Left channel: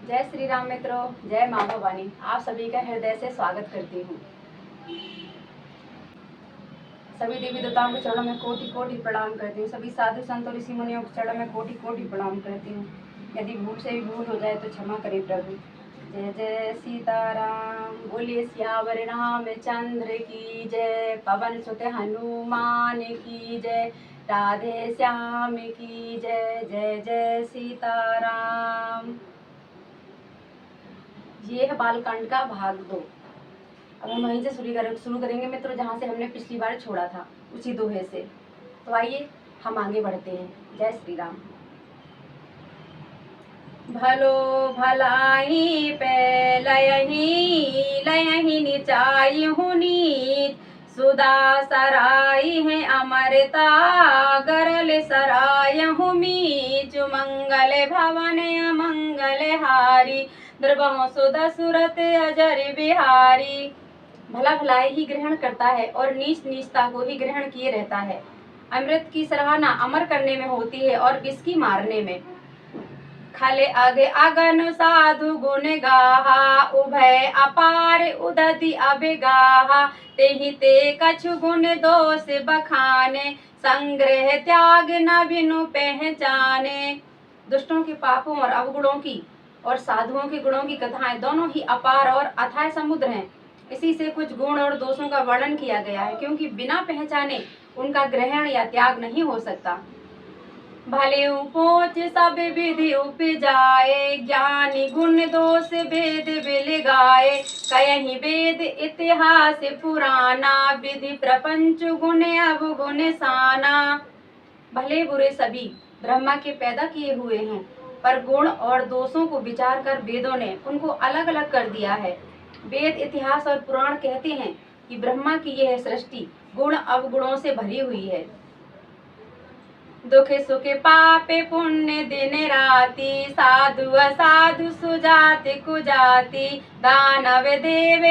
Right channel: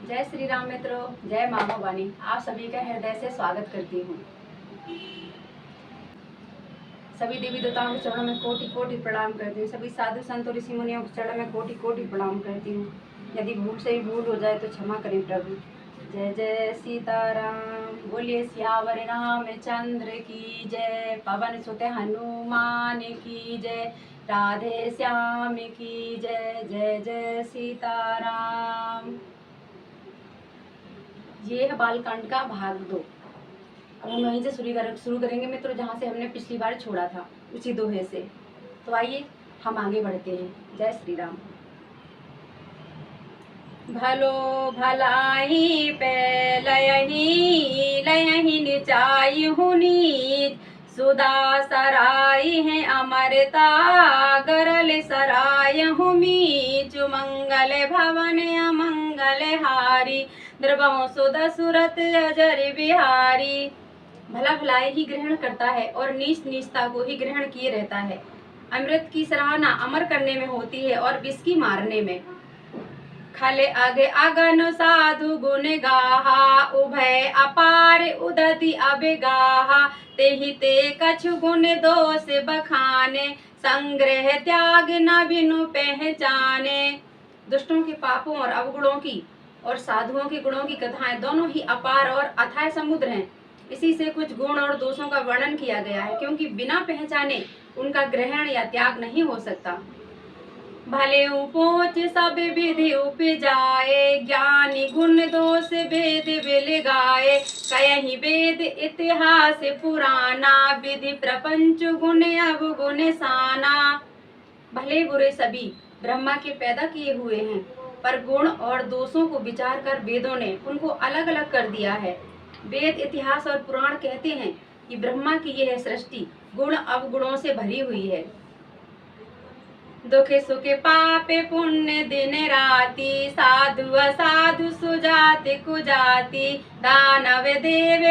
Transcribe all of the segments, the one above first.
जय श्री राम मित्रों, जय माँ भवानी। आप सभी का हृदय से स्वागत करती हूँ। सभी देवी देवताओं के चरणों में कोटि कोटि प्रणाम करती हूँ। सभी साधु संतों ऋषि मुनियों के चरणों में कोटि कोटि प्रणाम करती हूँ। यदि भूल से भी भूल हो जाए तो क्षमा करें प्रभु। जय जय सीताराम, बोलिए सियावर रामचंद्र की जय। पवन सुत हनुमान की जय, राधे श्याम की जय। जय जय सीताराम। ये है बालकांड का भाग 2। अब हम वहीं से शुरू करेंगे मित्रों, जहाँ से हमने पिछली बार छोड़ा था, उसी दोहे से। तो आइए हम आगे बढ़ते हैं। जय श्री राम। भलो भलाई पे लयही लयही निचाई हुनी, सुदा सराई है अमरता गरल सराय हुमी। मंगल भवन अमंगल हारी, द्रवों सुदा सुरत अजर बिहारी। भला भलाई ही ग्रहण करता है और नीच नीचता को ही ग्रहण किए रहता है। अमृत की सराहना अमर करने में होती है और विष की मारने में। खाले आगे आगन साधु गुण गाहा, उभय अपार उदति अबगाहा। तेहि ते कछु गुण दोष बखाने, संग्रह त्याग न बिनु पहचाने। दुष्टों के पापों और अवगुणों की और साधुओं के गुणों की कथाएं दोनों ही अपार और अथाह समुद्र हैं। इसी से कुछ गुण और दोषों का वर्णन किया गया है, क्योंकि बिना पहचाने उनका ग्रहण या त्याग नहीं हो सकता। भले पोच सब विधि उपजाए, ज्ञानी गुण दोष भेद बिल गाए। कयहि वेद इतिहास पुराना, विधि प्रपंच गुण अवगुण साना। भले बुरे सभी ब्रह्मा के पैदा किए हुए हैं, पर गुण और दोषों को विचार कर वेदों ने उनको अलग अलग कर दिया है। वेद इतिहास और पुराण कहते हैं कि ब्रह्मा की यह सृष्टि गुण अवगुणों से भरी हुई है। दुख सुख पापे पुण्य दिन राति, साधु असाधु सुजाति कुजाति। दानव देव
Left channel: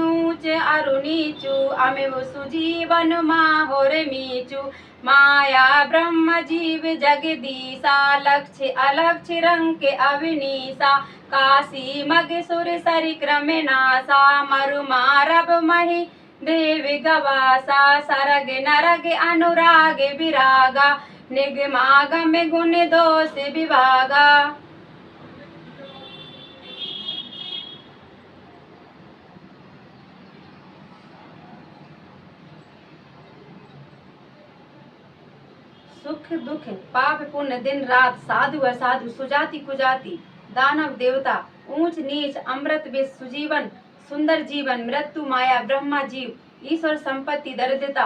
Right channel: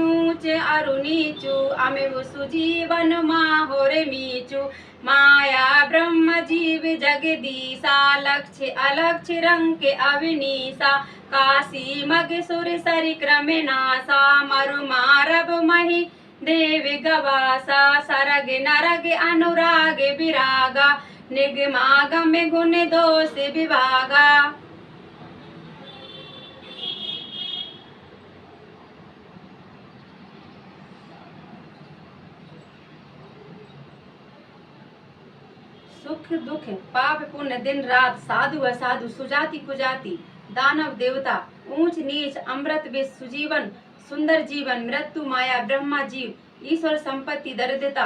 ऊंच अरु नीचु, अमिव सुजीवन माहुर मीचु। माया ब्रह्म जीव जगदीसा, लक्ष्य अलक्ष्य रंग के अविनीसा। काशी मग सुर सरि क्रम नासा, मरु मारब मही देव गवासा। सरग नरग अनुराग विरागा, निगमागम गुण दोष विभागा। सुख दुख पाप पुण्य दिन रात, साधु असाधु सुजाति कुजाति। दानव देवता ऊंच नीच, अमृत विष सुजीवन सुंदर जीवन। मृत्यु माया ब्रह्मा जीव, ईश्वर संपत्ति दरिद्रता।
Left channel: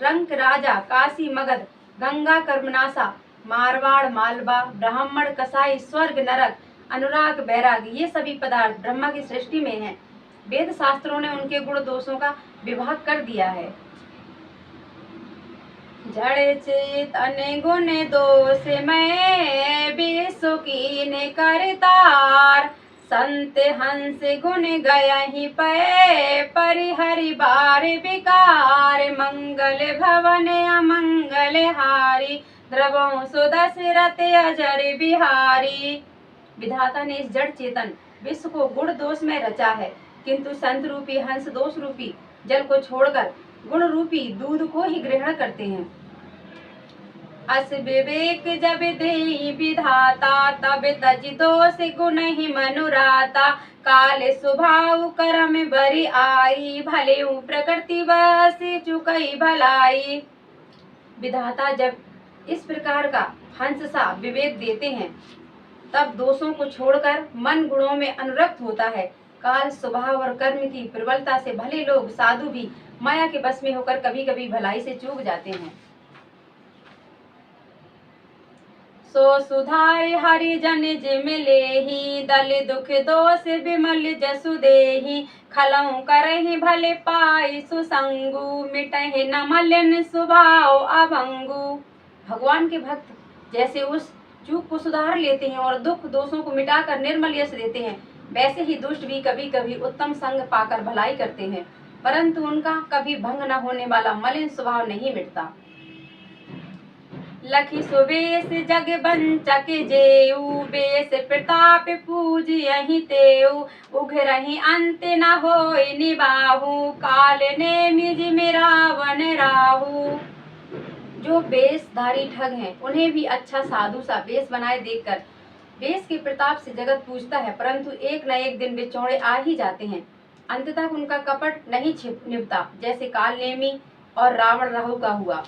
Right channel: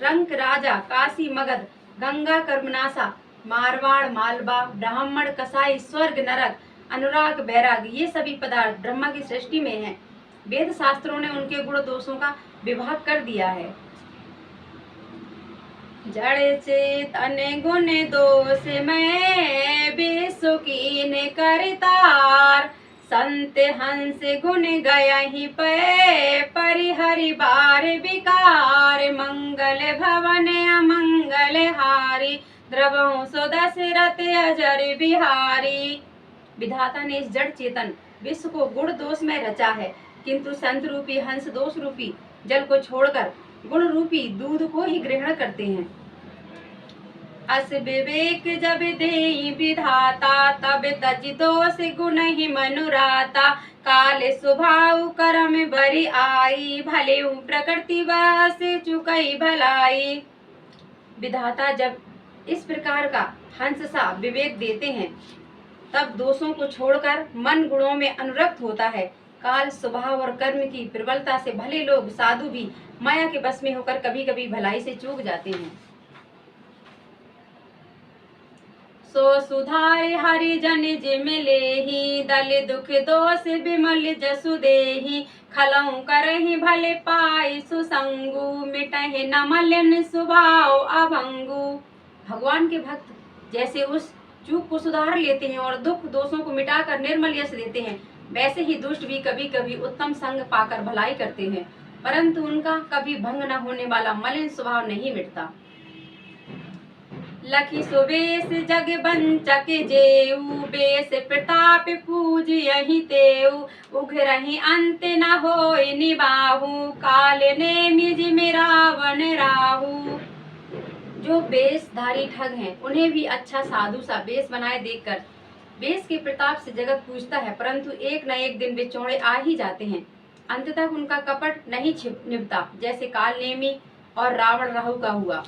रंक राजा काशी मगध, गंगा कर्मनासा। मारवाड़ मालवा ब्राह्मण कसाई, स्वर्ग नरक अनुराग बैराग। ये सभी पदार्थ ब्रह्मा की सृष्टि में हैं। वेद शास्त्रों ने उनके गुण दोषों का विभाग कर दिया है। जड़ चेतन गुण दोष में विश्व कीन करतार। संत हंस गुण गयहि पै, परिहरि बार विकार। मंगल भवन अमंगल हारी, द्रवहु सुदशरथ अजर बिहारी। विधाता ने इस जड़ चेतन विश्व को गुण दोष में रचा है, किंतु संत रूपी हंस दोष रूपी जल को छोड़कर गुण रूपी दूध को ही ग्रहण करते हैं। अस विवेक जब देहि विधाता, तब तज दोष गुण ही मनुराता। काल स्वभाव कर्म बरि आई, भले प्रकृति बस चुकई भलाई। विधाता जब इस प्रकार का हंस सा विवेक देते हैं, तब दोषों को छोड़कर मन गुणों में अनुरक्त होता है। काल स्वभाव और कर्म की प्रबलता से भले लोग साधु भी माया के बस में होकर कभी कभी भलाई से चूक जाते हैं। सो सुधार हरिजन जिम लेहि, दल दुख दोष विमल जसु देहि। खलऊ करहि भले पाई सुसंगु, मिटहि न मलिन स्वभाव अभंगु। भगवान के भक्त जैसे उस चूक को सुधार लेते हैं और दुख दोषों को मिटाकर निर्मल यश देते हैं, वैसे ही दुष्ट भी कभी कभी उत्तम संग पाकर भलाई करते हैं, परंतु उनका कभी भंग न होने वाला मलिन स्वभाव नहीं मिटता। लखी सुबेश जग बंचक जेऊ, बेस प्रताप पूज यही तेऊ, उघरहि अंत न होय निबाहु, काल ने मिज में रावण राहु। जो बेशधारी ठग हैं उन्हें भी अच्छा साधु सा बेश बनाए देखकर बेश के प्रताप से जगत पूजता है, परंतु एक न एक दिन वे चौड़े आ ही जाते हैं। अंत तक उनका कपट नहीं निभता, जैसे काल नेमी और रावण राहु का हुआ।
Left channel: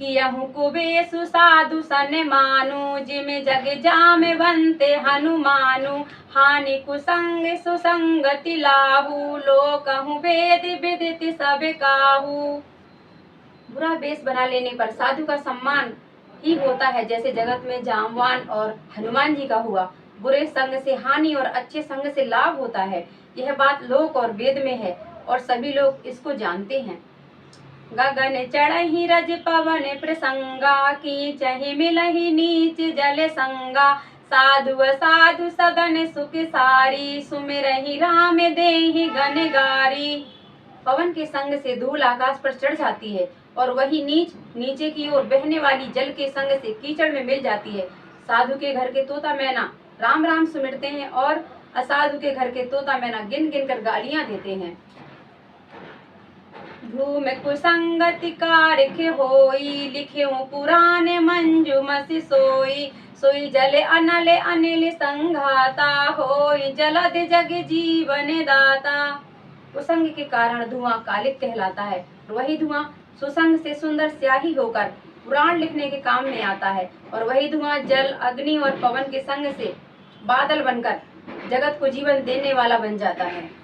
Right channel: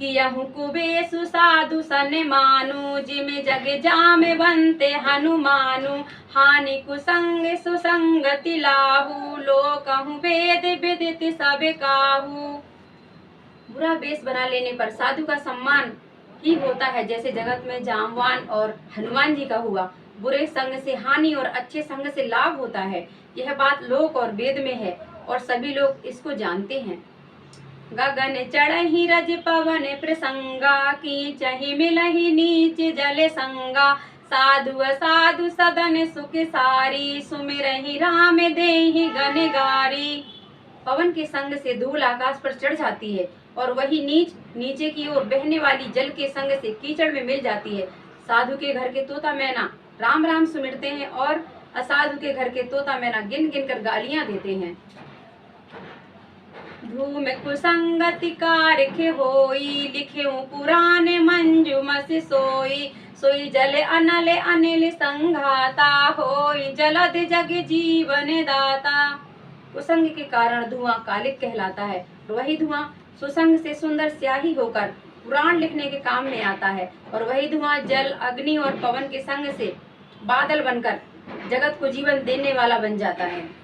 कियहु कुबेसु साधु सन मानु, जिम जग जाम बनते हनुमानु, हानि कुसंग सुसंगति लाहू, लोकहु वेद विदित सब काहू। बुरा बेश बना लेने पर साधु का सम्मान ही होता है, जैसे जगत में जामवान और हनुमान जी का हुआ। बुरे संग से हानि और अच्छे संग से लाभ होता है। यह बात लोक और वेद में है और सभी लोग इसको जानते हैं। गगन चढ़हि रज पवन प्रसंगा, की चहि मिलहि नीच जल संगा, साधु साधु सदन सुख सारी, सुमिरहि राम देहि गन गारी। पवन के संग से धूल आकाश पर चढ़ जाती है और वही नीच नीचे की ओर बहने वाली जल के संग से कीचड़ में मिल जाती है। साधु के घर के तोता मैना राम राम सुमिरते हैं और असाधु के घर के तोता मैना गिन गिन कर गालियां देते हैं। धूम कुसंगति कारख होई, लिखे पुराण मंजुमस सोई, सोई जल अनल अनिल संघाता, होई जलद जग जीवन दाता। कुसंग के कारण धुआं कालिक कहलाता है, वही धुआं सुसंग से सुंदर स्याही होकर पुराण लिखने के काम में आता है, और वही धुआं जल अग्नि और पवन के संग से बादल बनकर जगत को जीवन देने वाला बन जाता है।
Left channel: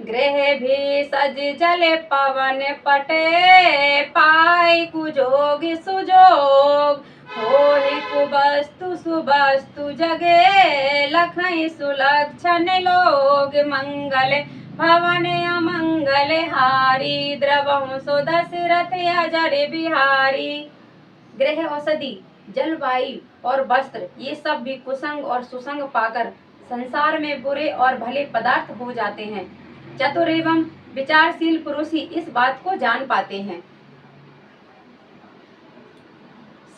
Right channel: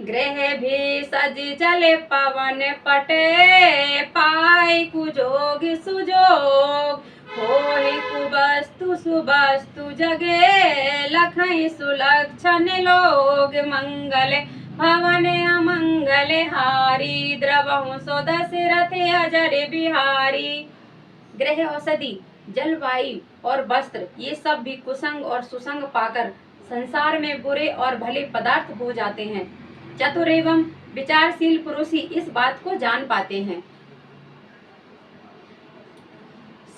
ग्रह भी सज जले पवन पटे, पाए कुजोग सुजोग, होहि कुबस्तु सुबस्तु जगे, लखई सुलक्षण लोग, मंगल भवन अमंगल हारी, द्रवहु सो दशरथ अजर बिहारी। ग्रह औषधि जलवायु और वस्त्र ये सब भी कुसंग और सुसंग पाकर संसार में बुरे और भले पदार्थ हो जाते हैं। चतुर एवं विचारशील पुरुष ही इस बात को जान पाते हैं।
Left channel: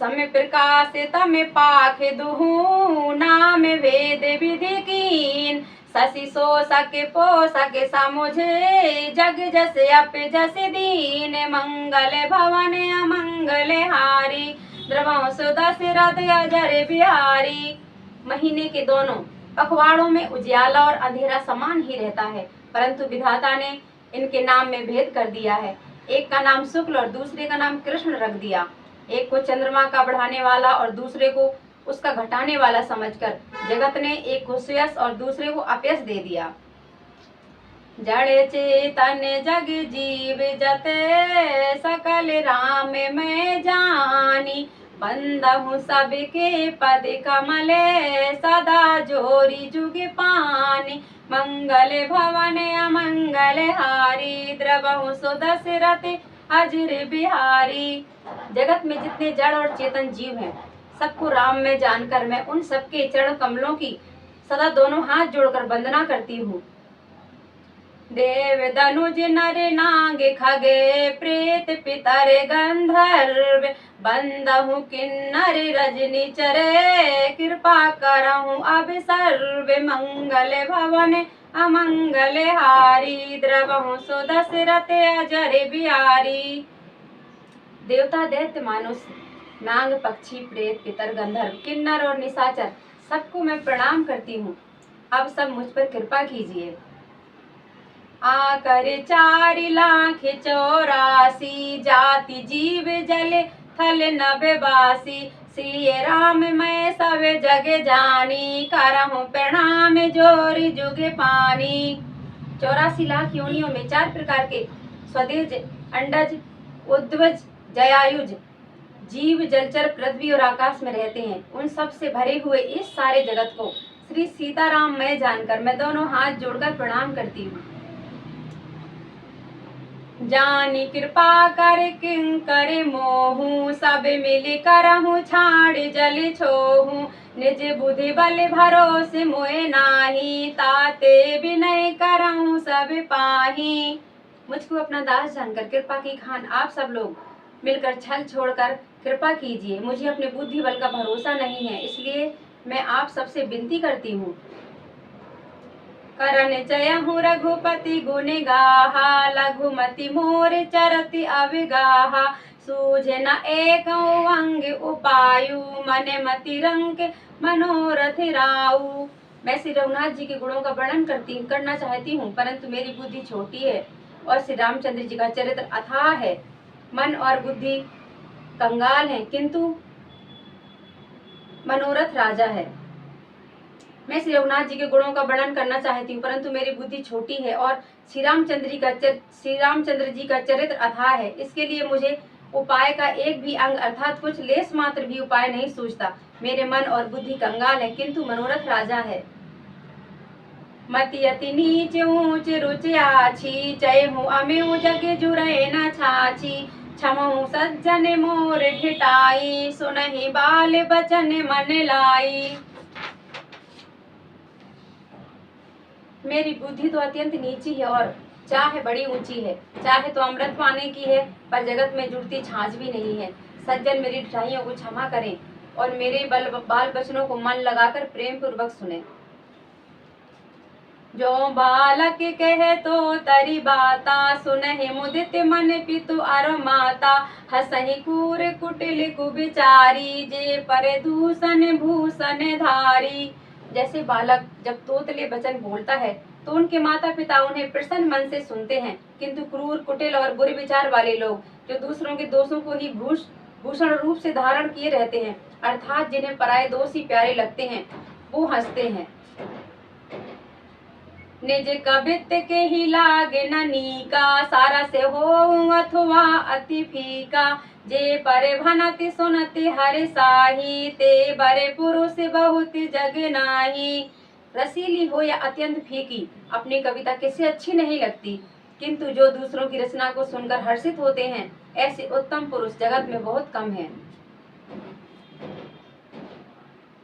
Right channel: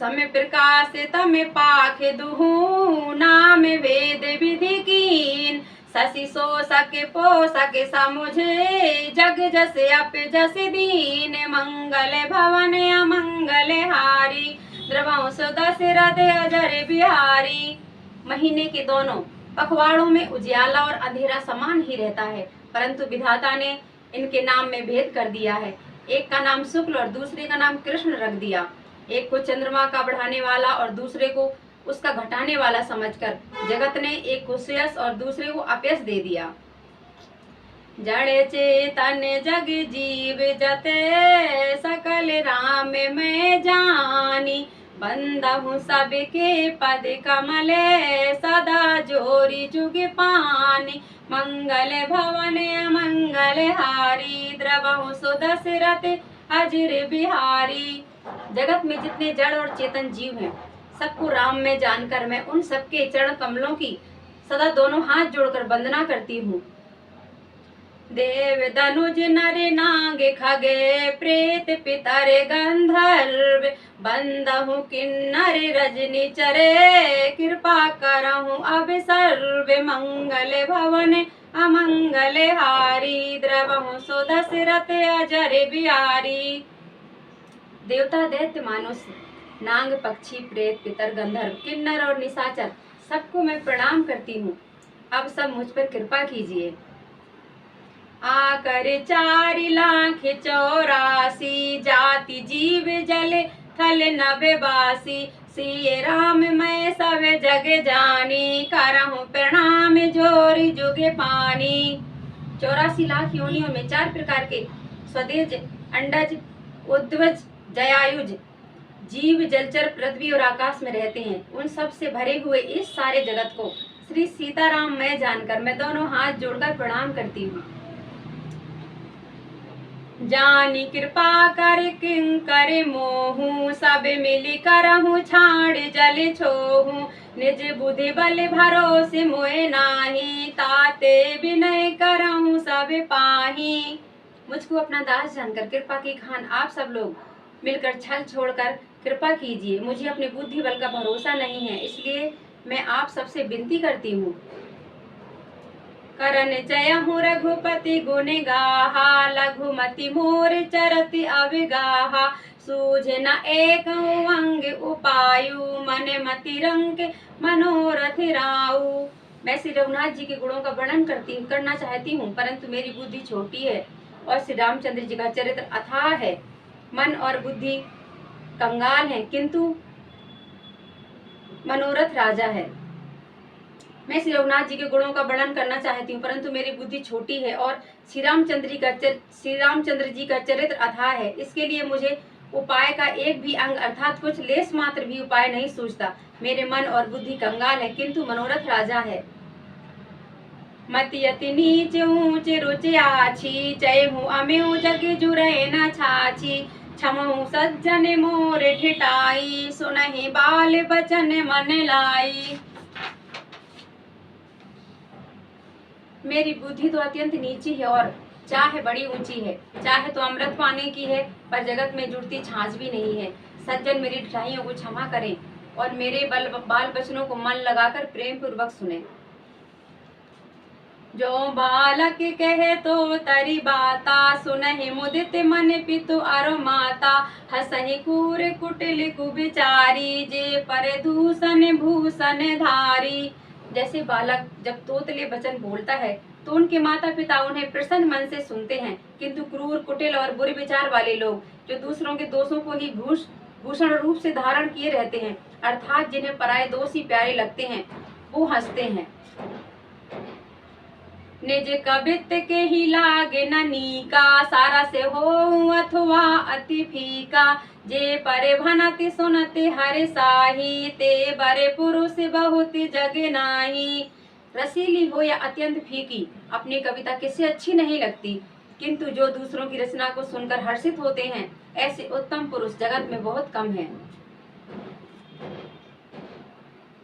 समय प्रकाश तम पाख दुहु, नाम वेद विधि कीन, शशि शोषक पोषक समुझे, जग जस अप जस दीन, मंगल भवन अमंगल हारी, द्रवंश दशरथ अजर बिहारी। महीने के दोनों पखवाड़ों में उजियाला और अंधेरा समान ही रहता है, परंतु विधाता ने इनके नाम में भेद कर दिया है। एक का नाम शुक्ल और दूसरे का नाम कृष्ण रख दिया। एक को चंद्रमा का बढ़ाने वाला और दूसरे को उसका घटाने वाला समझकर जगत ने एक को श्रेयस और दूसरे को अपयश दे दिया। जड़ चेतन जग जीव जते, सकल राम में जानी, बंदहु सबके पद कमले, सदा जोरी जुग पानी, मंगल भवन अमंगल हारी, द्रवहु सो दशरथ अजर बिहारी। जगत में जितने जड़ और चेतन जीव हैं, सबको राम में जानकर मैं उन सबके चरण कमलों की सदा दोनों हाथ जोड़कर वंदना करती हूँ। देव धनुज नर नाग खगे, प्रेत पितर गंधर्व, बंदहु किन्नर रजनी चरे, कृपा करहु अब सर्व, मंगल भवन अमंगल हारी, द्रवहु सो दशरथ अजर बिहारी। देवता दैत्य मानुष नाग पक्षी प्रेत पितर गंधर्व किन्नर और निशाचर सबको मैं प्रणाम करती हूँ। अब सब मुझ पर कृपा कीजिए। आकर 4,84,000 जाति जीव जल थल नभवासी, सिय राम मैं सब जग जानी, करहु प्रणाम जोरी जुग पानी। 84 लाख योनियों में 4 प्रकार के स्वदेज, अंडज, उद्वज, जयायुज जीव जलचर पृथ्वी और आकाश में रहते हैं। उन सब से भरे हुए इस सारे जगत को श्री सीताराम मैं जानकर मैं दोनों हाथ जोड़कर प्रणाम करती हूँ। जानी कृपा कर किंकर मोहू, सब मिल करहु छाड़ जल छोहू, निज बुद्धि बल भरोसे मोए नाही, ताते विनय करऊं सब पाही। मुझको अपना दास जानकर कृपा की खान आप सब लोग मिलकर छल छोड़कर कृपा कीजिए। मुझे अपने बुद्धि बल का भरोसा नहीं है, इसलिए मैं आप सबसे विनती करती हूँ। करन जयहु रघुपति गुण गाहा, लघुमति मोर चरति अविगाहा। सूझे न एक अंग उपायु, मन मति रंग मनोरथ राऊ। मैं श्री रघुनाथ जी के गुणों का वर्णन करना चाहती हूँ, परंतु मेरी बुद्धि छोटी है और श्री रामचंद्र जी का चरित्र अथाह है। मन और बुद्धि कंगाल है, किंतु मनोरथ राजा है। मैं श्री रघुनाथ जी के गुणों का वर्णन करना चाहती हूँ, परंतु मेरी बुद्धि छोटी है और श्री रामचंद्र जी का चरित्र अथाह है। इसके लिए मुझे उपाय का एक भी अंग अर्थात कुछ लेस मात्र भी उपाय नहीं सूझता। मेरे मन और बुद्धि कंगाल है, किंतु मनोरथ राजा है। मति अति नीच ऊंच रुचि आछी, चयहु अमेउ जग जुरै न छाछी। क्षमहु सज्जन मोर ठिठाई, सुनहि बाल बचन मन लाई। मेरी बुद्धि तो अत्यंत नीची है और चाह बड़ी ऊंची है। चाहे तो अमृत पाने की है, पर जगत में जुड़ती छाछ भी नहीं है। सज्जन मेरी ढिठाइयों को क्षमा करें और मेरे बाल बचनों को मन लगाकर प्रेम पूर्वक सुने। जो बालक कहे तो तरी बाता, सुनहि मुदित मन पितु अर माता। हसहि कूर कुटिल कुबिचारी, जे पर दूषण भूषण धारी। जैसे बालक जब तोतले वचन बोलता है तो उनके माता पिता उन्हें प्रसन्न मन से सुनते हैं, किंतु क्रूर कुटिल और बुरे विचार वाले लोग जो दूसरों के दोषों को ही भूषण रूप से धारण किए रहते हैं, अर्थात जिन्हें पराये दोष ही प्यारे लगते हैं, वो हंसते हैं। निज कबित के ही लागे न नीका, सारा से हो अथवा अति फीका। जे परे भनति सुनति हरि साही, ते बरे पुरुष बहुत जग नाही। रसीली हो या अत्यंत फीकी, अपनी कविता किसी अच्छी नहीं लगती, किंतु जो दूसरों की रचना को सुनकर हर्षित होते हैं, ऐसे उत्तम पुरुष जगत में बहुत कम हैं।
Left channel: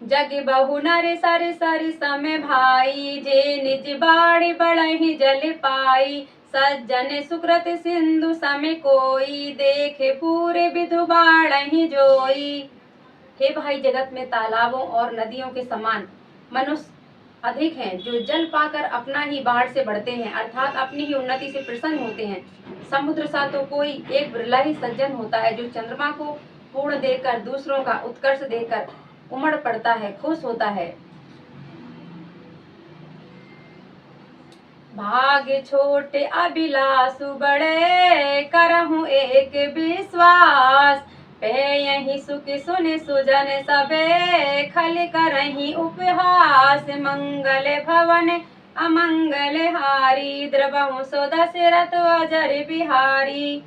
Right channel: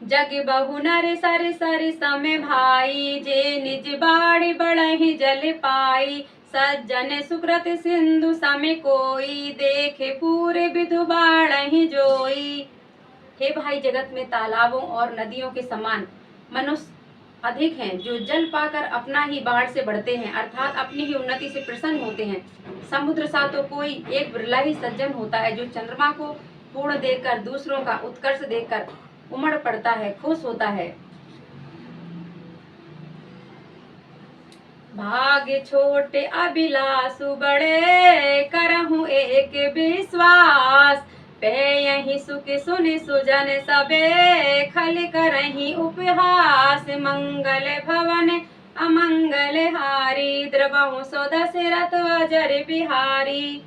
जग बहु नर सर सर समय भाई, जे निज बाड़ी बढ़हि जल पाई। सज्जन सुकृत सिंधु सम कोई, देखे पूरे विधु बाढ़हि जोई। हे भाई, जगत में तालाबों और नदियों के समान मनुष्य अधिक हैं, जो जल पाकर अपना ही बाढ़ से बढ़ते हैं, अर्थात अपनी ही उन्नति से प्रसन्न होते हैं। समुद्र सा तो कोई एक बिरला ही सज्जन होता है, जो चंद्रमा को पूर्ण देखकर, दूसरों का उत्कर्ष देखकर उमड़ पड़ता है, खुश होता है। भाग्य छोटे अभिलाषु बड़े, करहूं एक विश्वास। पे यही सुख सुन सुजन सबे, खल करही उपहास। मंगल भवन अमंगल हारी, द्रवहु सो दशरथ अजर बिहारी।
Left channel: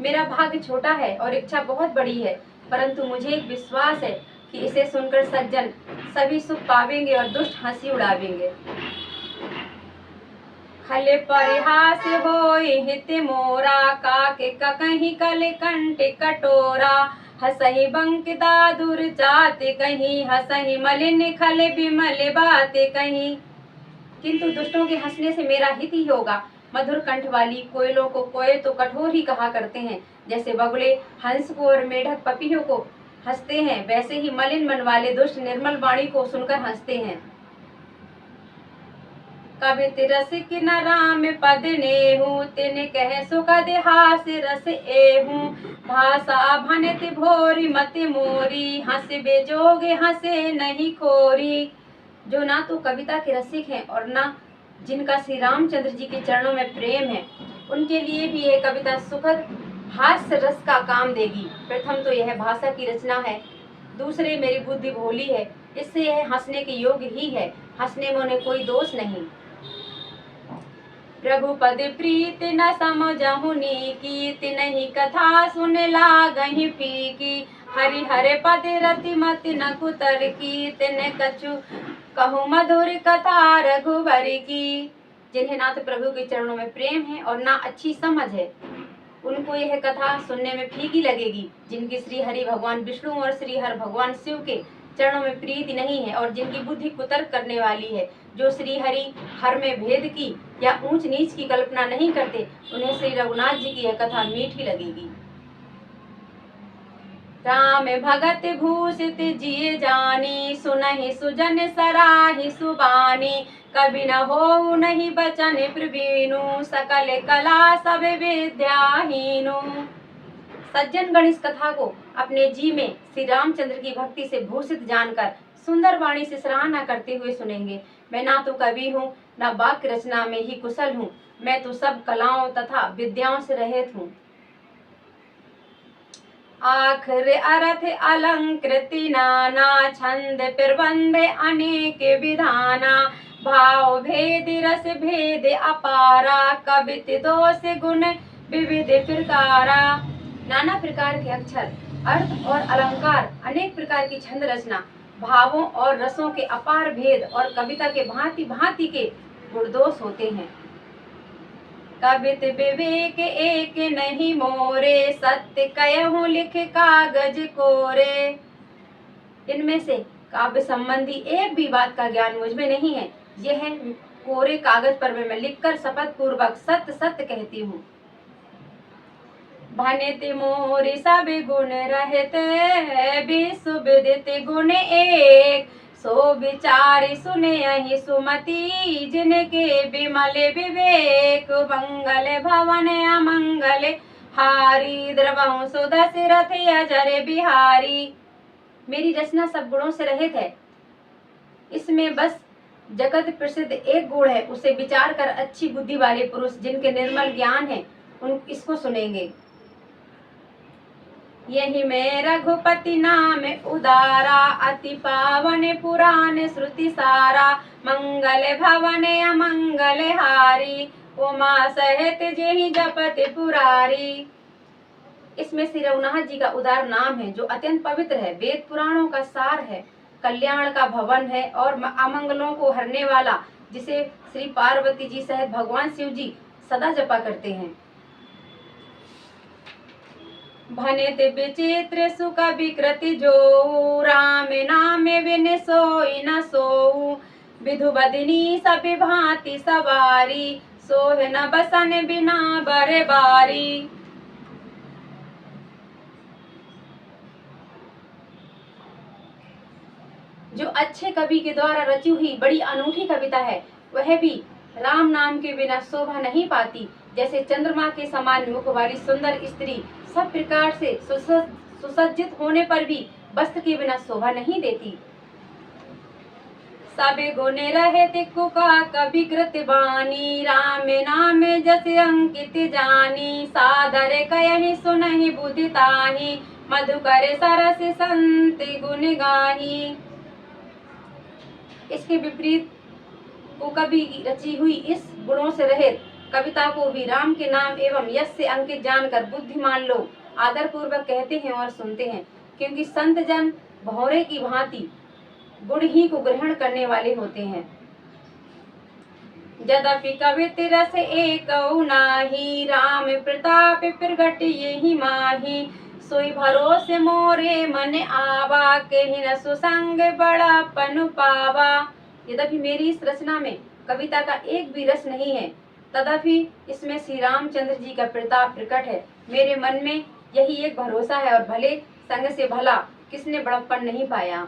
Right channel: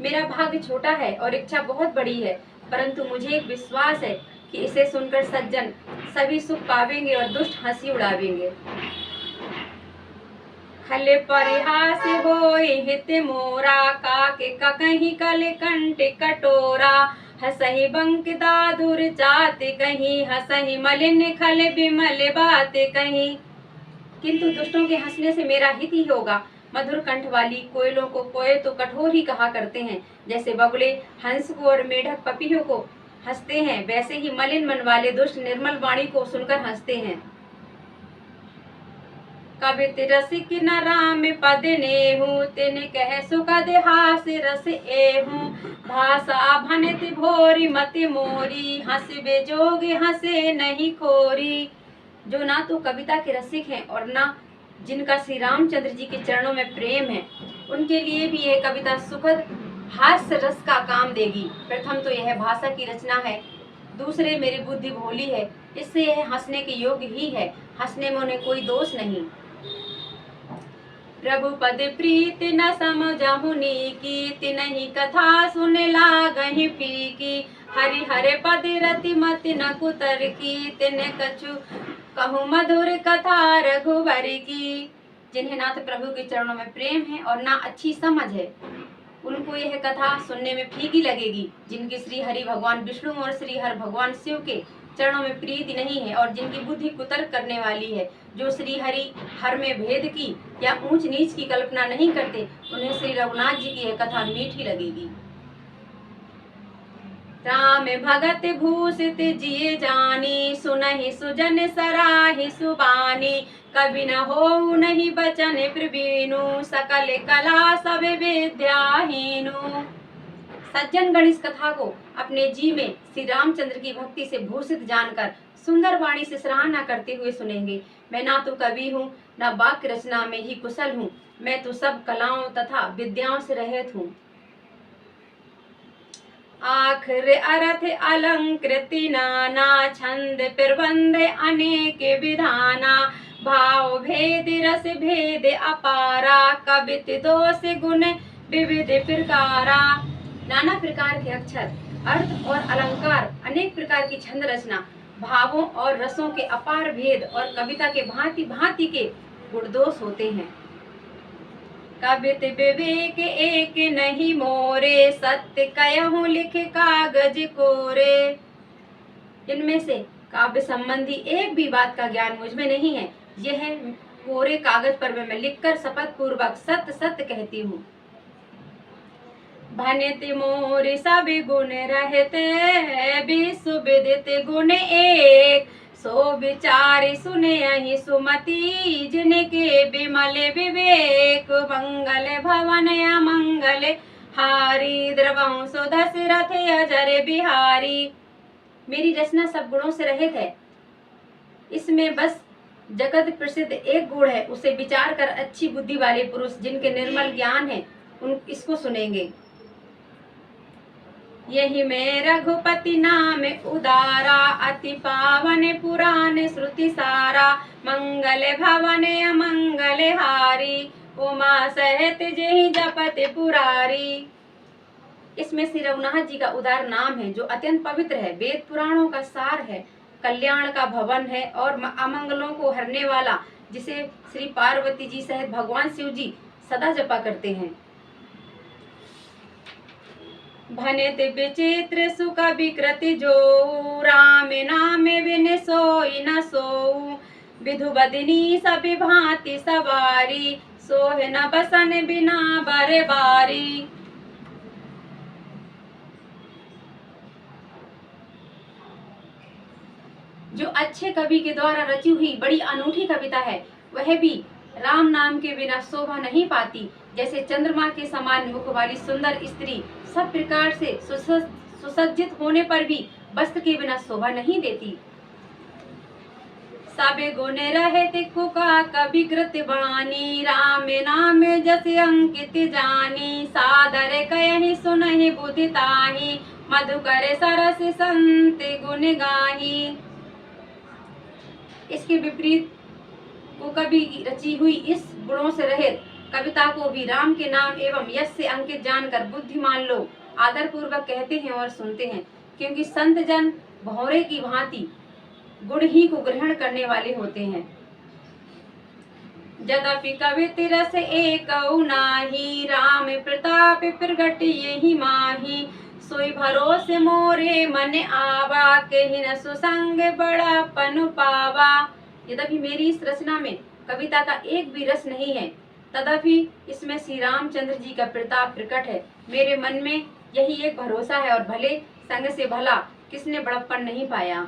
मेरा भाग्य छोटा है और इच्छा बहुत बड़ी है, परंतु मुझे एक विश्वास है कि इसे सुनकर सज्जन सभी सुख पावेंगे और दुष्ट हंसी उड़ावेंगे। खल परिहास होय हित मोरा, काके कहीं कल कंठ कटोरा। हसहि बंक दादुर जात कहीं, हसहि मलिन खल बिमल बात कहीं। किंतु दुष्टों के हंसने से मेरा हित ही होगा। मधुर कंठ वाली कोयलों को कोय तो कठोर ही कहा करते हैं, जैसे बगुले हंस को और मेढक पपीहों को हंसते हैं, वैसे ही मलिन मन वाले दुष्ट निर्मल वाणी को सुनकर हंसते हैं। कवित रसिक न राम पद नेहू, तिन कह सुखद हास रस एहू। भाषा भनित भोरी मति मोरी, हंस बेजोग हंसे नहीं खोरी। जो ना तो कविता के रसिक हैं और ना जिनका श्री रामचंद्र जी के चरणों में प्रेम है, उनके लिए भी यह कविता सुखद हास्य रस का काम देगी। प्रथम तो यह भाषा की रचना है, दूसरे मेरी बुद्धि भोली है, इससे यह हंसने के योग्य ही है। हंसने में उन्हें कोई दोष नहीं। रघुपद प्रीत न समझहु नीकी, तिनहि कथा सुन लागहि फीकी। हरि हरे पद रति मति न कुतर की, तिन कछु कहूँ मधुर कथा रघुवर की। जिन्हें ना तो प्रभु के चरणों में प्रेम है और ना अच्छी समझ है, उनको यह कथा सुनने में फीकी लगेगी। जिनके श्री हरि भगवान विष्णु और श्री हर भगवान शिव के चरणों में प्रीति नहीं है और जिनकी बुद्धि कुतर्क करने वाली है, जो श्री हरि हर में भेद की या ऊंच नीच की कल्पना नहीं करते, उन्हें श्री रघुनाथ जी की यह कथा मीठी लगेगी। राम भगत भूषित जिय जानी, सुनहि सुजन सराहि सुबानी, कभी न हो नहीं बचन प्रवीणु, सकल कला सब विद्याहीनु। सज्जन गण इस कथा को अपने जी में श्री रामचंद्र की भक्ति से भूषित जानकर सुंदर वाणी से सराहना करते हुए सुनेंगे। मैं ना तो कवि हूँ, न वाक्य रचना में ही कुशल हूँ, मैं तो सब कलाओं तथा विद्याओं से रहित हूँ। आखिर अर्थ अलंकृति नाना, छंद प्रबंध अनेक विधाना, भाव भेद रस भेद अपारा, कवित दोष गुण विविध प्रकारा। नाना प्रकार के अक्षर, अर्थ और अलंकार, अनेक प्रकार की छंद रचना, भावों और रसों के अपार भेद और कविता के भांति भांति के गुण दोष होते हैं। कवित विवेक एक नहीं मोरे, सत्य कहूँ लिख कागज कोरे। इनमें से काव्य संबंधी एक भी बात का ज्ञान मुझ में नहीं है, यह कोरे कागज पर मैं लिखकर शपथ पूर्वक सत्य सत्य कहती हूँ। भनित मोर सब गुण रहते, विश्व विदित गुण एक, सो विचार सुने यही सुमति, जिनके विमल विवेक, मंगल भवन अमंगल हारी, द्रवहु सो दशरथ अजर बिहारी। मेरी रचना सब गुणों से रहित है, इसमें बस जगत प्रसिद्ध एक गुण है, उसे विचार कर अच्छी बुद्धि वाले पुरुष जिनके निर्मल ज्ञान है उन इसको सुनेंगे। यही में रघुपति नाम उदारा, अति पावन पुराण श्रुति सारा, मंगल भवन अमंगल हारी, उमा सहित जेहि जपत पुरारी। इसमें श्री रघुनाथ जी का उदार नाम है जो अत्यंत पवित्र है, वेद पुराणों का सार है, कल्याण का भवन है और अमंगलों को हरने वाला, जिसे श्री पार्वती जी सहित भगवान शिव जी सदा जपा करते हैं। भनित विचित्र सुख विकृति जो, राम नाम बिन सोई न सोऊ, विधु बदनी सब भांति सवारी, सोह न बसन बिना बर बारी। जो अच्छे कवि के द्वारा रची हुई बड़ी अनूठी कविता है, वह भी राम नाम के बिना शोभा नहीं पाती। जैसे चंद्रमा के समान मुख वाली सुंदर स्त्री सब प्रकार से सुसज्जित होने पर भी वस्त्र के बिना शोभा नहीं देती। सबे गुण रहे कुका कवि कृत बानी, राम नाम जस अंकित जानी, सादर कहि सुनहि बुद्धि ताहि, मधुकर सरस संत गुण गाही। इसके विपरीत को कभी रची हुई इस गुणों से रहित कविता को भी राम के नाम एवं यश से अंकित जानकर बुद्धिमान लोग आदर पूर्वक कहते हैं और सुनते हैं, क्योंकि संत जन भौरे की भांति गुण ही को ग्रहण करने वाले होते हैं। यद्यपि कवित रस एक नाही, राम प्रताप प्रगट यही माही, सोई भरोसे मोरे मन आवा, कहीं न सुसंग बड़ा पनु पावा। यद्यपि मेरी इस रचना में कविता का एक भी रस नहीं है, तथापि इसमें श्री रामचंद्र जी का प्रताप प्रकट है। मेरे मन में यही एक भरोसा है और भले संग से भला किसने बड़प्पन नहीं पाया।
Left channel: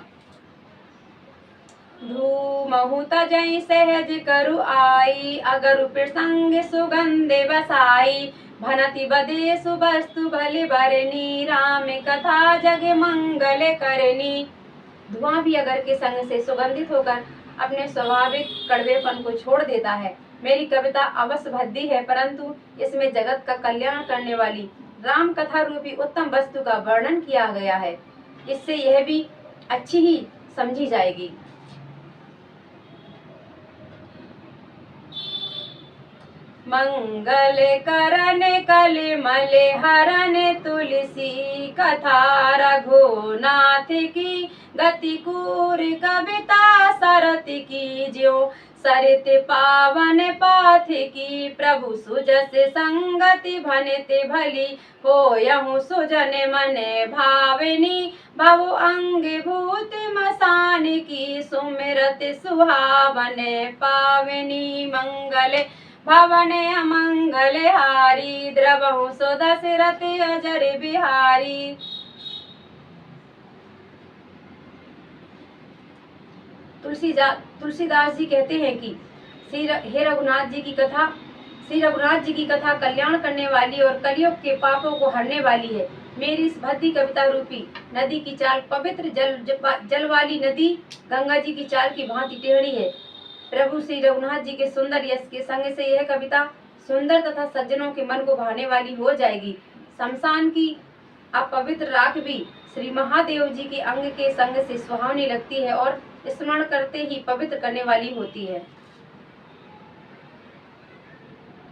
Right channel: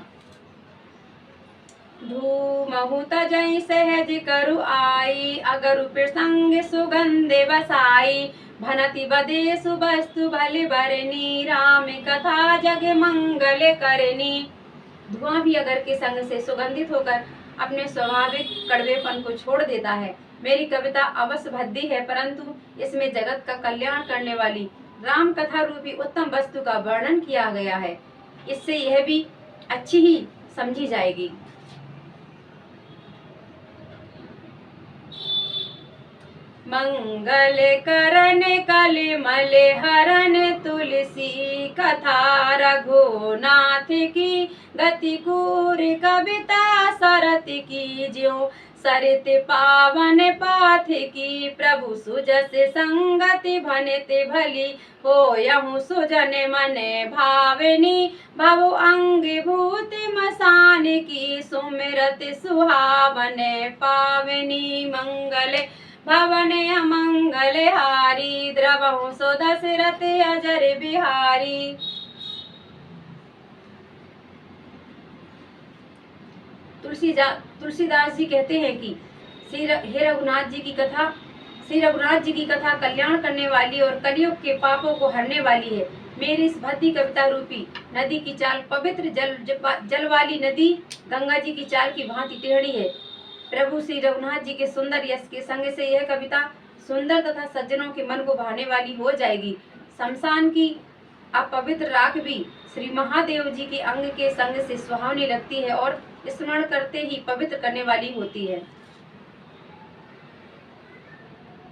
धूमहु तजहि सहज करु आई, अगरु प्रसंग सुगंधे बसाई, भनति बदे सुवस्तु भले बरनी, राम कथा जग मंगल करनी। धुआं भी अगर के संग से सुगंधित होकर अपने स्वाभाविक कड़वेपन को छोड़ देता है। मेरी कविता अवश्य भद्दी है, परंतु इसमें जगत का कल्याण करने वाली राम कथा रूपी उत्तम वस्तु का वर्णन किया गया है। इससे यह भी अच्छी ही समझी जाएगी। मंगल करन कलिमल हरन तुलसी कथा, रघुनाथ की गति कूर कविता सरत की ज्यों, सरित पावन पाथ की प्रभु सुजस संगति भनते भली हो यहु सुजन मन भावनी भव अंग भूत मसान की सुमिरत सुहावन पावनी मंगल भवन अमंगल हारी द्रवहु सो दशरथ अजर बिहारी। तुलसीदास जी कहते हैं कि हे रघुनाथ जी की कथा, श्री रघुनाथ जी की कथा कल्याण करने वाली और कलयुग के पापों को हरने वाली है। मेरी इस भक्ति कविता रूपी नदी की चाल पवित्र जल वाली नदी गंगा जी की चाल की भांति टेढ़ी है। प्रभु श्री रघुनाथ जी के सुंदर यश के संग से यह कविता सुंदर तथा सज्जनों के मन को भाने वाली हो जाएगी। शमशान की अपवित्र राख भी श्री महादेव जी के अंग के संग से सुहावनी लगती है और स्मरण करते ही पवित्र करने वाली होती है।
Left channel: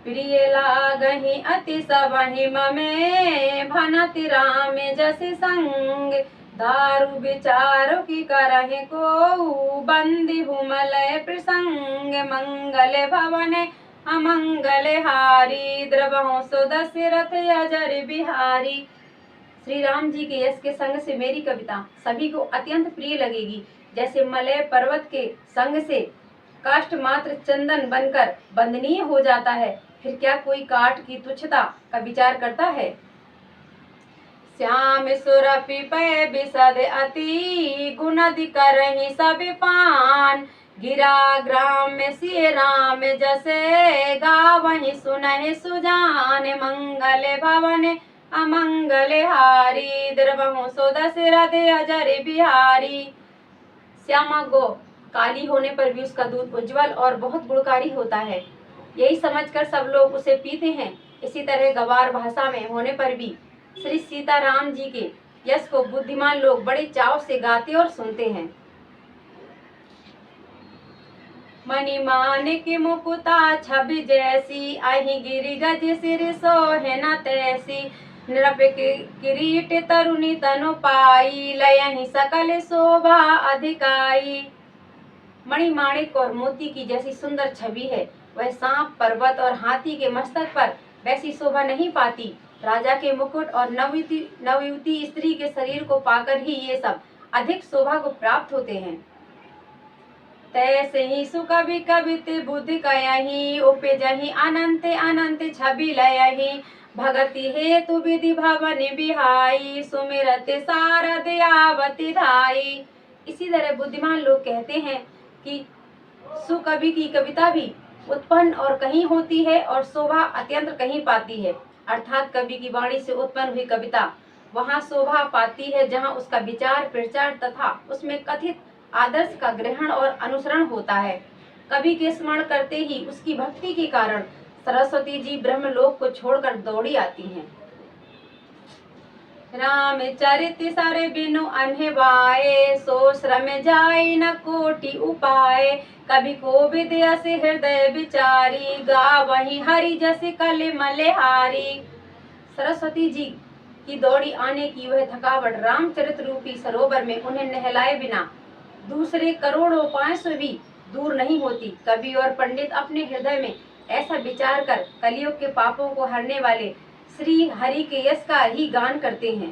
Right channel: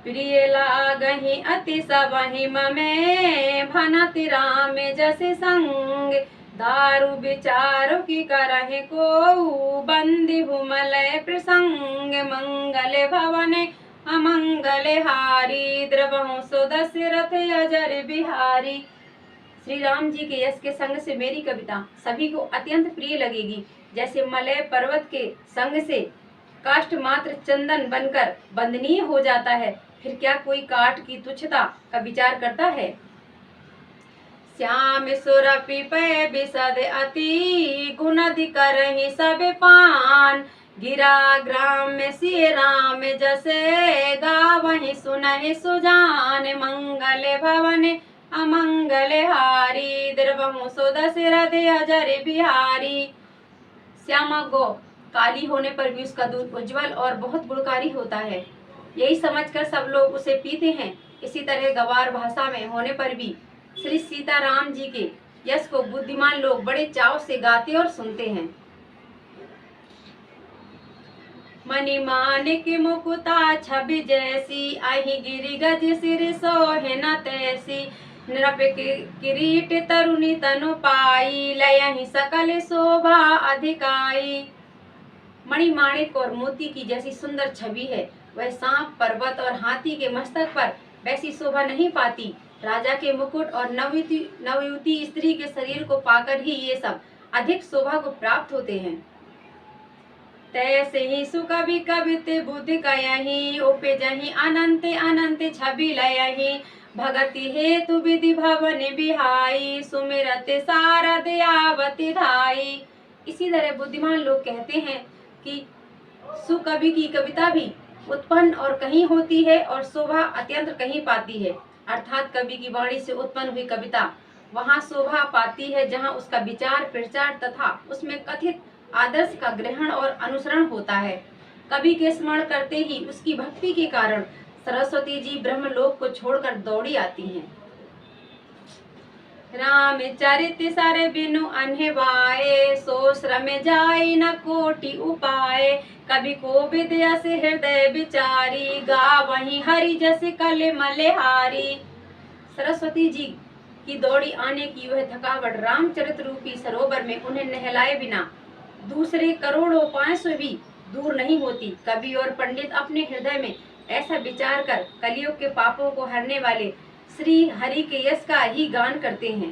प्रिय लागहि अति सबहि ममे भनति राम जस संग दारु विचारो की करहि को बंदी भूमलय प्रसंग मंगल भवन अमंगल हारी द्रवहु सो दशरथ अजर बिहारी। श्री राम जी के यश के संग से मेरी कविता सभी को अत्यंत प्रिय लगेगी। जैसे मलय पर्वत के संग से काष्ठ मात्र चंदन बनकर बंदनीय हो जाता है, फिर क्या कोई काठ की तुच्छता का विचार करता है। श्याम सुरपि पै बिसद अति गुणदि करहि सब पान गिरा ग्राम में सिय राम जसे गावहि सुनहि सुजान मंगल भवन अमंगल हारी द्रवहु सो दशरथ अजर बिहारी। श्यामा गौ काली होने पर भी उसका दूध उज्जवल और बहुत गुणकारी होता है, यही समझकर सब लोग उसे पीते हैं। इसी तरह गवार भाषा में होने पर भी श्री सीताराम जी के यश को बुद्धिमान लोग बड़े चाव से गाते और सुनते हैं। मणिमाणिक मुकुता छवि जैसी अहि गिरि गज सिर सोहे न तैसी नृप किरीट तरुणी तनु पाई लयहि सकल शोभा अधिकाई। मणिमाणिक और मोती की जैसी सुंदर छवि है, वह सांप पर्वत और हाथी के मस्तक पर वैसी शोभा नहीं पाती। राजा के मुकुट और नवयुवती स्त्री के शरीर को पाकर ही ये सब अधिक शोभा को प्राप्त होते हैं। तैसे ही सुकवि कवित बुद्धि कयहि उपजहि अनंत अनंत छवि लयहि भगति हेतु विधि भवन बिहाई सुमिरत शारद आवति धाई। इसी तरह बुद्धिमान लोग कहते हैं कि सुकवि की कविता भी उत्पन्न और कहीं होती है और शोभा अत्यंत कहीं पाती है, अर्थात कवि की वाणी से उत्पन्न हुई कविता वहाँ शोभा पाती है जहाँ उसका विचार प्रचार तथा उसमें कथित आदर्श का ग्रहण और अनुसरण होता है। कवि के स्मरण करते ही उसकी भक्ति के कारण सरस्वती जी ब्रह्मलोक को छोड़कर दौड़ी आती हैं। राम चरित सर बिनु अनहिवाए सो श्रम जाय न कोटि उपाय कवि को विद्या से हृदय विचारी गावहि हरि जस कल मलहारी। सरस्वती जी की दौड़ी आने की वह थकावट रामचरित रूपी सरोवर में उन्हें नहलाए बिना दूसरे करोड़ों उपायों से भी दूर नहीं होती। कवि और पंडित अपने हृदय में ऐसा विचार कर कलयुग के पापों को हरने वाले श्री हरि के यश का ही गान करते हैं।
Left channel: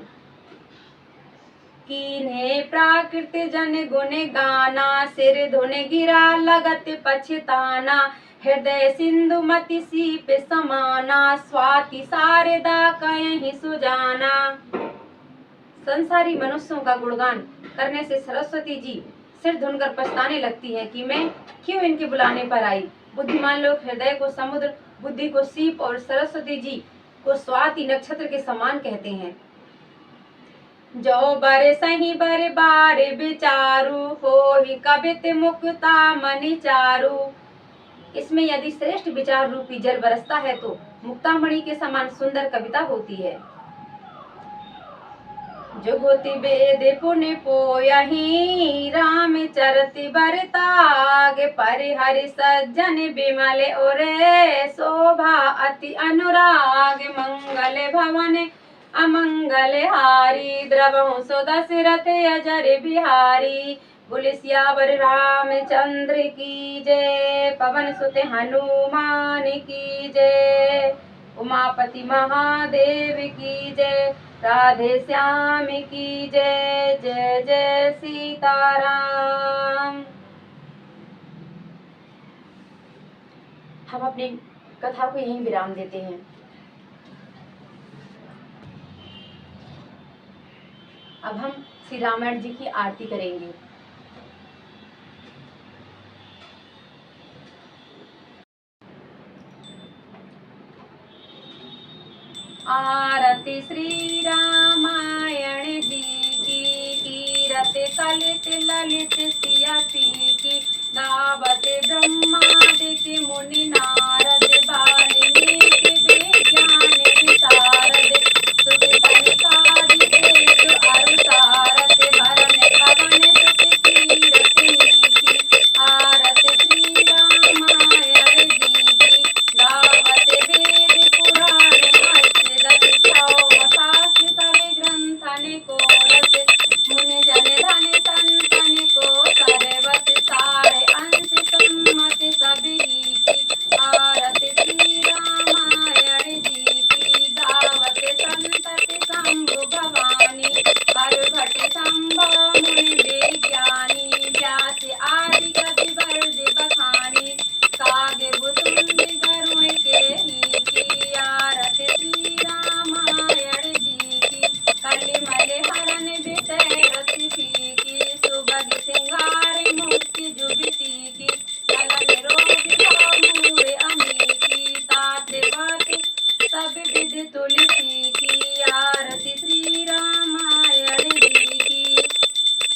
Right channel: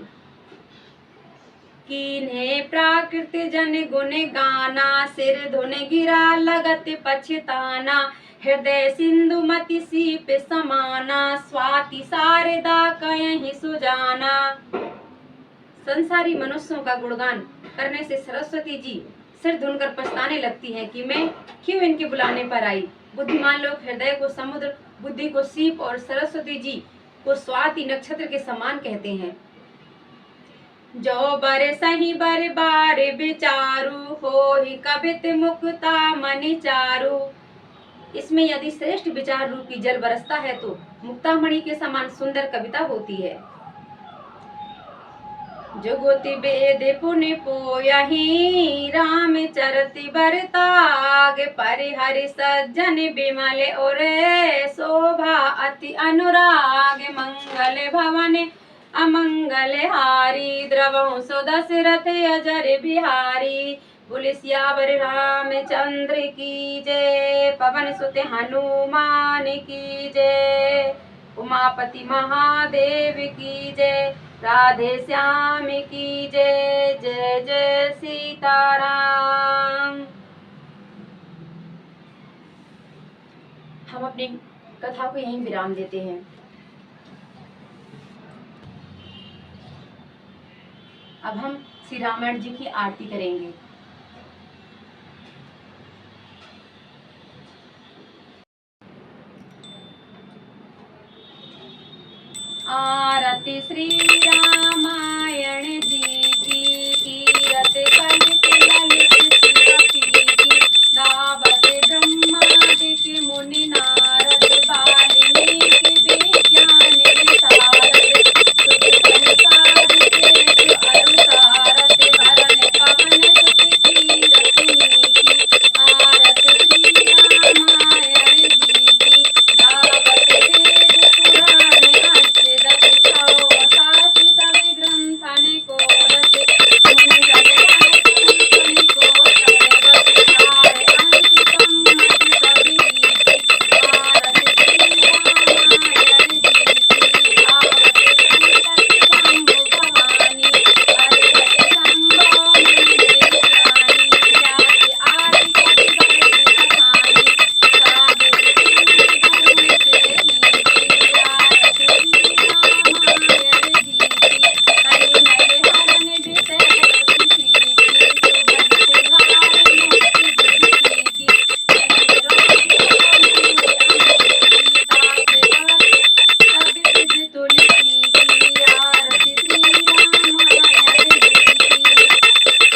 कीन्हे प्राकृत जन गुण गाना सिर धुन गिरा लगत पछताना हृदय सिंधु मति सीप समाना स्वाति शारदा कयहि सुजाना। संसारी मनुष्यों का गुणगान करने से सरस्वती जी सिर धुनकर पछताने लगती है कि मैं क्यों इनके बुलाने पर आई। बुद्धिमान लोग हृदय को समुद्र, बुद्धि को सीप और सरस्वती जी को स्वाति नक्षत्र के समान कहते हैं। जो बर सही बर बार विचारू हो ही कवित मुक्ता मणि चारू। इसमें यदि श्रेष्ठ विचार रूपी जल बरसता है तो मुक्तामणि के समान सुंदर कविता होती है। जुगुति वेद पुण्य पोयहि राम चरति बरताग परिहरि सज्जन विमल और शोभा अति अनुराग मंगल भवन अमंगल हारी द्रवहु सो दशरथ अजर बिहारी। बोले सियावर रामचंद्र की जय, पवन सुत हनुमान की जय, उमापति महादेव की जय, राधे श्याम की जय। जय जय सीताराम। हम अपनी कथा को यहीं विराम देते हैं। अब हम श्री रामायण जी की आरती करेंगे। आरती श्री रामायण जी की, कीरत कलित ललित सिया पीकी, गावत ब्रह्मादिक मुनि नारद, वाल्मीकि विज्ञान विशारद, सुत संसारिक अरु सारथ, भरन पवन सुत कीरत नीकी। आरती श्री रामायण जी की, गावत वेद पुराण अष्टदश, छौ शास्त्र सब ग्रंथन को रच, मुनि जन धन संतन को सर्वस, खाए अंश सम्मत सब रीति। आरती श्री रामायण जी की, भावत संतति शंभु भवानी, पर्वत संभव मुनि देव ज्ञानी, जाति आदि कवि वर्ग बखानी, काव्य सिंधु धर्म के हीति। आरती श्री रामायण जी की, कलिमल हरण विषय रति सीकी, सुबह सिंगार मुक्ति जुगति की, नयन रोग हो मूल अमीती, ताप बात सब विध तुलसी की। आरती श्री रामायण जी की,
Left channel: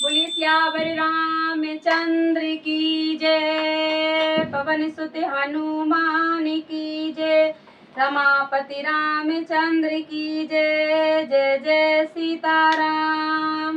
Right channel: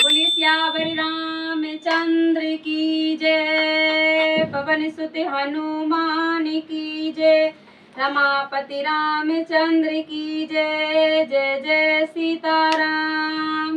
बोले सियावर रामचंद्र की जय, पवन सुत हनुमान की जय, रमापति रामचंद्र की जय। जय जय सीताराम।